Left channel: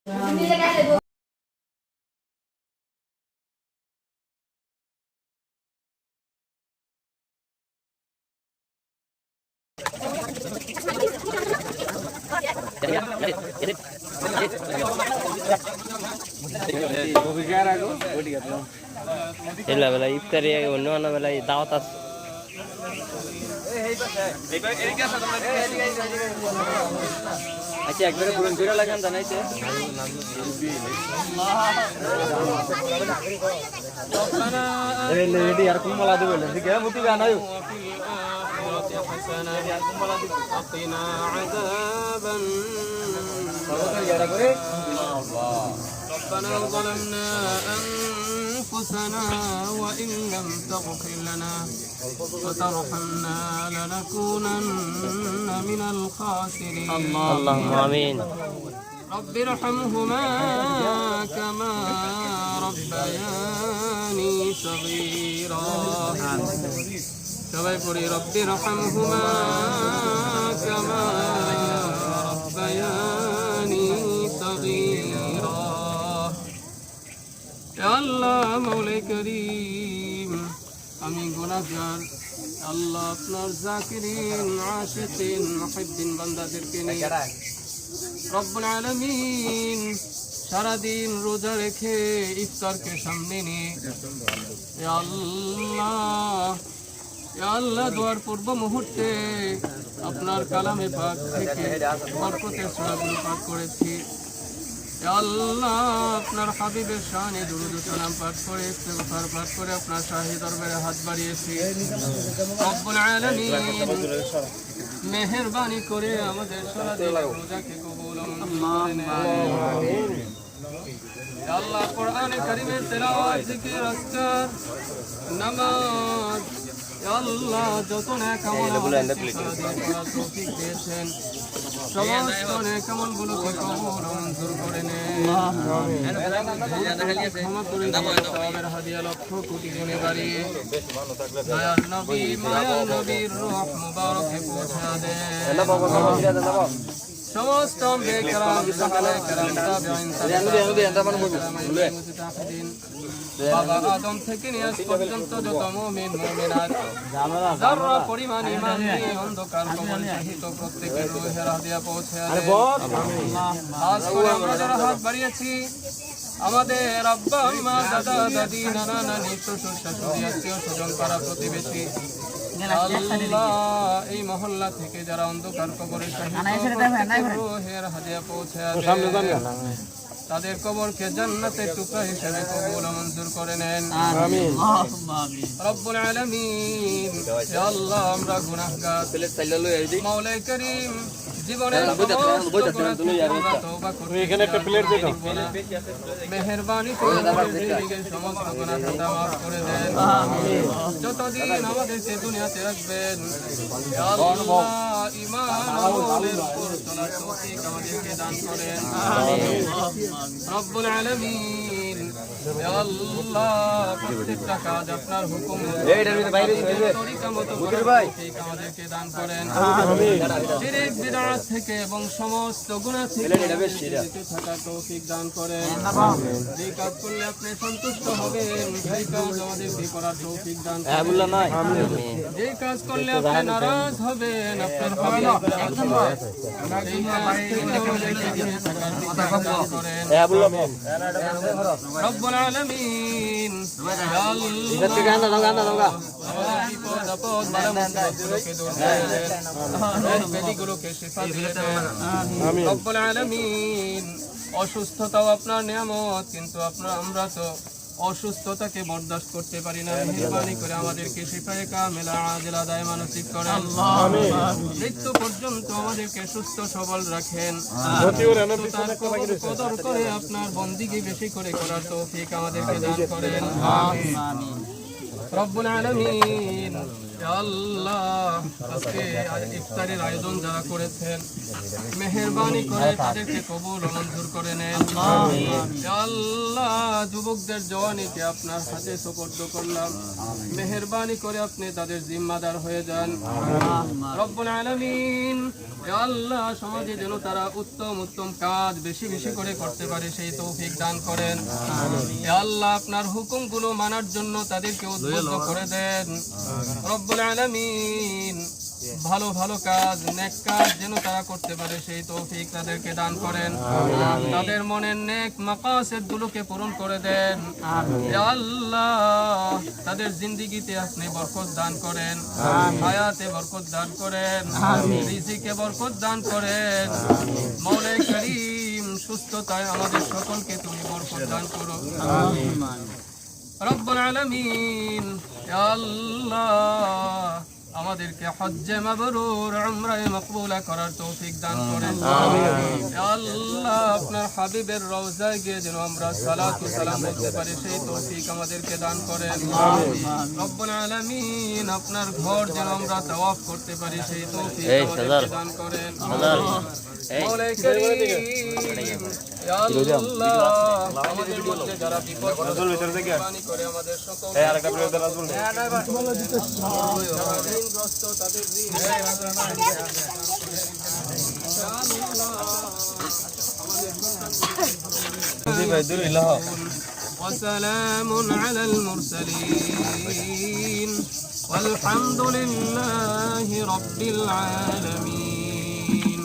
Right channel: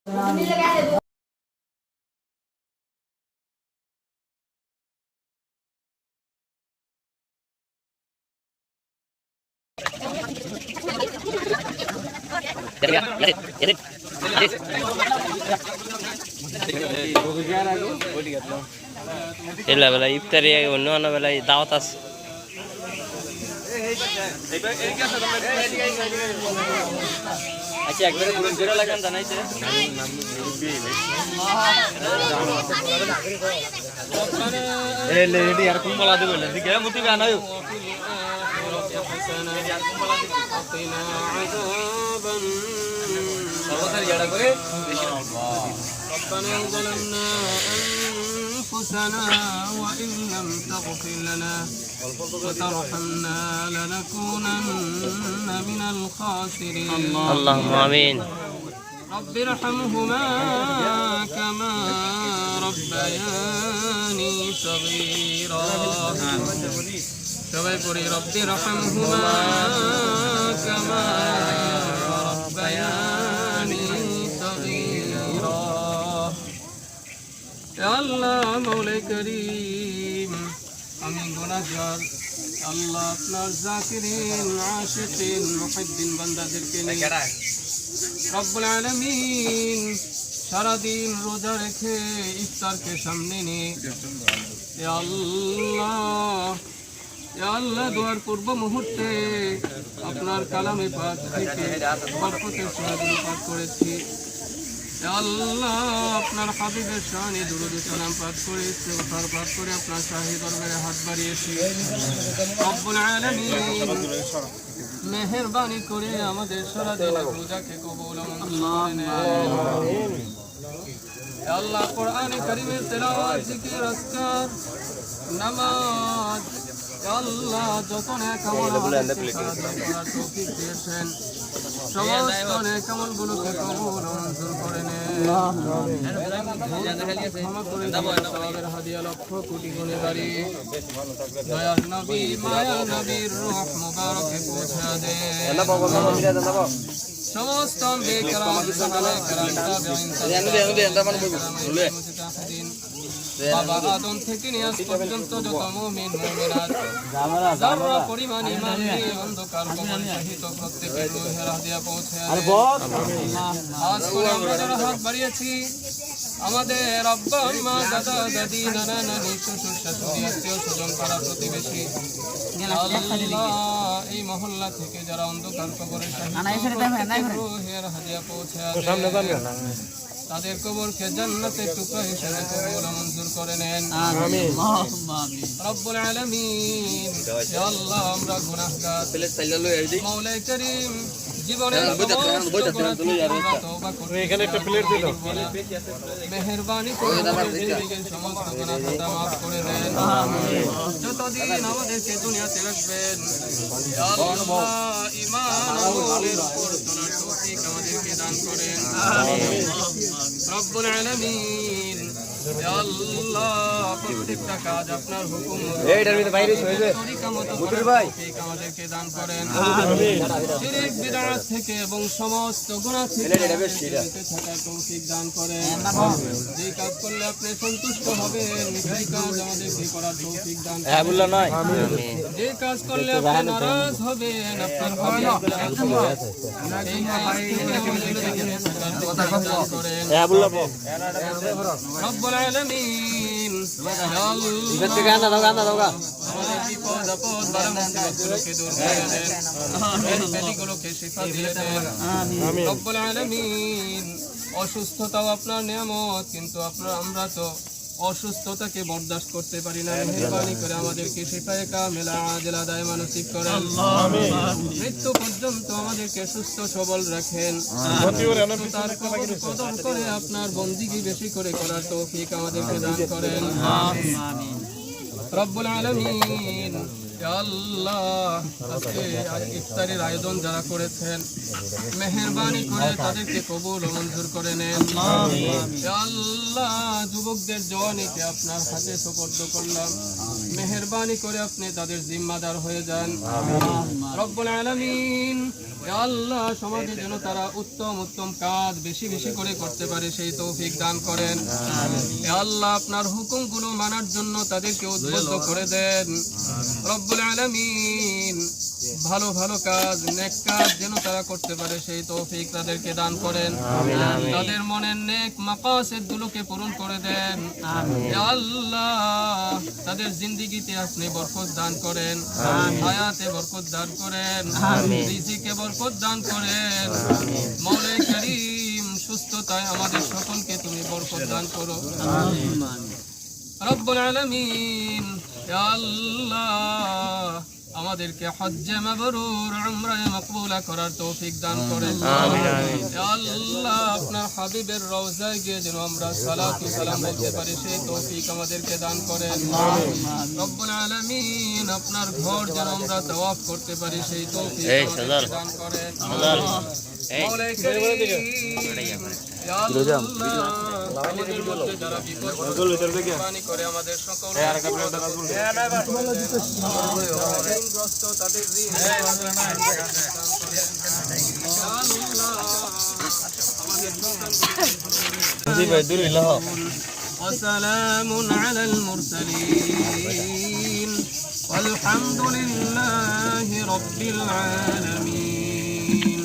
ಎಲ್ಲ ಬೆಲ್ಲ ಇಫ್ತಾರಿ ಒನ್ನ ಬೆಲ್ಲ ದಾವತ್ আছে আচ্ছা একবারে পুরো জোরে লাগান জানাইছে এ লেডি আর কোন বলা দেব লেডি কে মুতি বানায়ো ربنا ظلمنا أنفسنا وإن لم تغفر لنا وترحمنا لنكونن من الخاسرين اللهم آمين رب ارحمهما كما ربياني صغيرا সবাই পড়ি رب ارحمهما كما ربياني صغيرا يا الله مولا كريم আমি গুনাহগার আল্লাহ আপনার জাকিরিন আশিকিন মুহিদ্দিন বান্দাদেরকে নিয়ে রব্বুল আলামিন সারা দিন রোজা রেখে ইফতারকে সামনে নিয়ে ইয়া আল্লাহ দোয়ার পূর্ব মুহূর্তে আপনার কালামে পাক থেকে বরকতের সূরাগুলো পাঠ করেছি ইয়া আল্লাহ আপনার হাবিবের শানে দুরূদ ও সালাম পাঠ করে ইস্তিগফার পাঠ করে আপনার শাহী দরবারে হাত বাড়িয়েছি রব্বুল আলামিন মেহেরবানি করে আমাদের সারা দিন রোজাকে কবুল করুন ইয়া আল্লাহ কোরআনে কারীমের তেলাওয়াত জিকির আজকার নামাজ ইয়া আল্লাহ যত নেক আমল করার তৌফিক দিয়েছেন সমস্ত নেক আমলগুলোকে কবুল মঞ্জুর করে নেন ক্ষমা করে দিন সওয়াবের হাদিয়া লক্ষ কোটি গুণে বাড়িয়ে দয়ার নবী মায়ার নবীর রূহ মুবারকে পৌঁছে দেন সমস্ত আম্বিয়া کرام সাহাবায়ে کرام তাবেঈন বাবা আদম থেকে নিয়ে আজ পর্যন্ত যত মুমিন মুমিনাত যারা পরিমাণ ঈমান নিয়ে অন্ধকার কবর সহিত প্রত্যেকের রূহের হাদিয়া পৌঁছে দেন আজ করে আমরা যারা হাত বাড়িয়েছি আমাদের আব্বা আম্মা দাদা দাদি নানা নানি শ্বশুর শাশুড়ি আত্মীয় স্বজন পাড়া প্রতিবেশী আল্লাহ এই মহল্লা থেকে যারা অন্ধকার কবরে সহিত প্রত্যেকের রূহের হাদিয়া পৌঁছে দেন তাদের কবরকে জান্নাতের টুকরা হিসেবে কবুল মঞ্জুর করে নেন আমিন রব্বুল আলামিন ইয়া আল্লাহ আমরা গুনাহগার মাওলা করিম জীবনের সমস্ত গুনাহ থেকে আমরা তওবা করতে এখানে একটা প্লেট দিয়ে দাও মেহেরবানি করে আমাদের জিন্দেগীর সমস্ত গুনাহ খাতা maaf করে দেন আমিন যতদিন আমাদেরকে দুনিয়াতে রাখবেন ইয়া আল্লাহ ঈমান আমাদেরকে দান করেন আমিন রব্বুল আলামিন ইয়া আল্লাহ প্রত্যেকটা কাজ আপনার হুকুম এইটার ভিতরে বাইরে হইবে বুঝির ভাই আমাদেরকে দান করেন আমিন শিরক বিদআত থেকে এবং সমস্ত গুনাহ থেকে বেঁচে থাকার তৌফিক দান করেন আমিন যে কাজ করলে আপনি সন্তুষ্ট হবেন সেই কাজ আমাদেরকে করার তৌফিক দান করেন আমিন যে কাজ করলে আপনি নারাজ হবেন আপনার হাবিব নারাজ হবেন সেই কাজ থেকে আমাদেরকে দূরে থাকার তৌফিক দান করেন রব্বুল আলামিন রব্বুল আলামিন অসুস্থতাও আপনার নিয়ামত কিন্তু আমরা তো অসুস্থতাকে বরদাস্ত করতে পারি না মেহেরবানি করে আমাদেরকে শিফায়ে কামিলা আজিলা দায়মা নসিব করেন আমিন মৃত্যু পর্যন্ত আমাদেরকে সুস্থ সবল রাখেন তার কদর করে আপনার বন্দিগি বেশি করে করার তৌফিক আমাদেরকে দান করেন আমিন রব্বুল আলামিন ইয়া আল্লাহ আজকে ইফতারের আয়োজন যারা করেছেন মেহেরবানি করে তাদেরকে কবুল ও মঞ্জুর করে নেন। ইয়া আল্লাহ যুবকদের জওয়ানিকে আপনার হাতে সুপর্দ করলাম, মেহেরবানি করে আপনি তাদের জিম্মাদার হয়ে যান রব্বুল আলামিন। ইয়া আল্লাহ সমাজে যেন তারা উত্তম উত্তম কাজ বেশি বেশি করে করতে পারে সেই তৌফিক দান করেন। ইয়া আল্লাহ আপনার হুকুমগুলো মানার জন্য তাদেরকে উদ্বুদ্ধ করে দেন রব্বুল আলামিন। ভালো ভালো কাজ নেক কাজ যেন তারা করতে পারে সেই তৌফিক তাদেরকে দান করেন। তাদের মনের নেক মাকাসিদ গুলোকে পূরণ করে দেন। ইয়া আল্লাহ তাদের জিন্দেগিতে আপনি বরকত দান করেন, হায়াতে বরকত দান করেন, রিজিকে বরকত দান করেন। মওলা করিম সুস্থতায় আমাদের সকলকে তুমি বরকত দান করো রব্বুল আলামিন। ইয়া আল্লাহ আমাদেরকে হজ্জে মাবরুর উমরায়ে মাকবুলা করার তৌফিক দান করেন। ইয়া আল্লাহ আপনার হাবিবের রওজায় গিয়ে যেন আমরা সালাত ও সালাম বলতে পারি সেই তৌফিক আমাদেরকে দান করেন রব্বুল আলামিন। আপনার ঘর যেন আমরা তাওয়াফ করতে পারি সেই তৌফিক দান করেন মওলা করিম। ইয়া আল্লাহ আমাদের মধ্যে যারা বিপদগ্রস্ত করে আমাদের সকল ঋণগ্রস্ত তাদের ঋণ وسلام على المرسلين والحمد لله رب العالمين.